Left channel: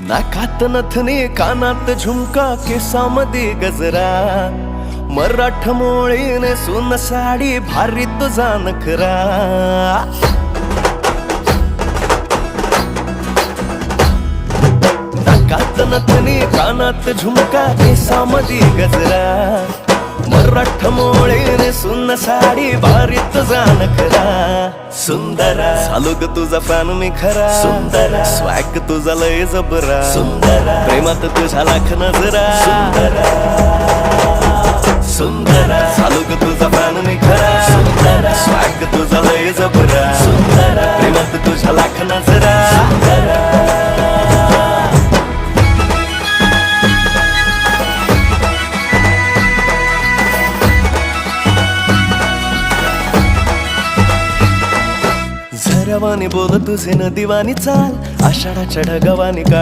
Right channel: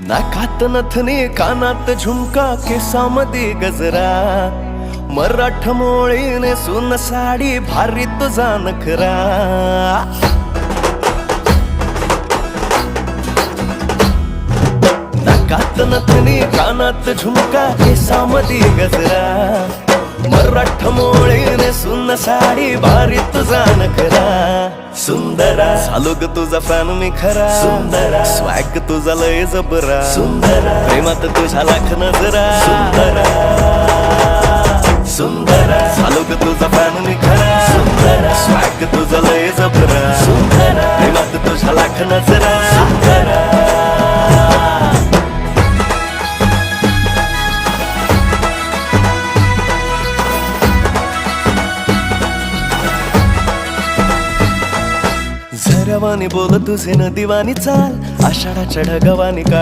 नाकात नथनी कानात झुमका केसामध्ये गजरा मराठ मोळीने सुन साडी भारी तुझा नखरा नाकात नथनी कानात झुमका केसामध्ये गजरा मराठ मोळीने सुन साडी भारी तुझा नखरा सुंदरा झालो ग तुझा फॅन मी खरा स्वॅग तुझा लय जबरा प्रेमात तुझा लाख नजरा सुंदरा झालो ग तुझा फॅन मी खरा स्वॅग तुझा लय जबरा प्रेमात तुझा लाख नजरा झरवानी बोल तुझे न दिवानी चाल आषाढाच्या ढगवानी का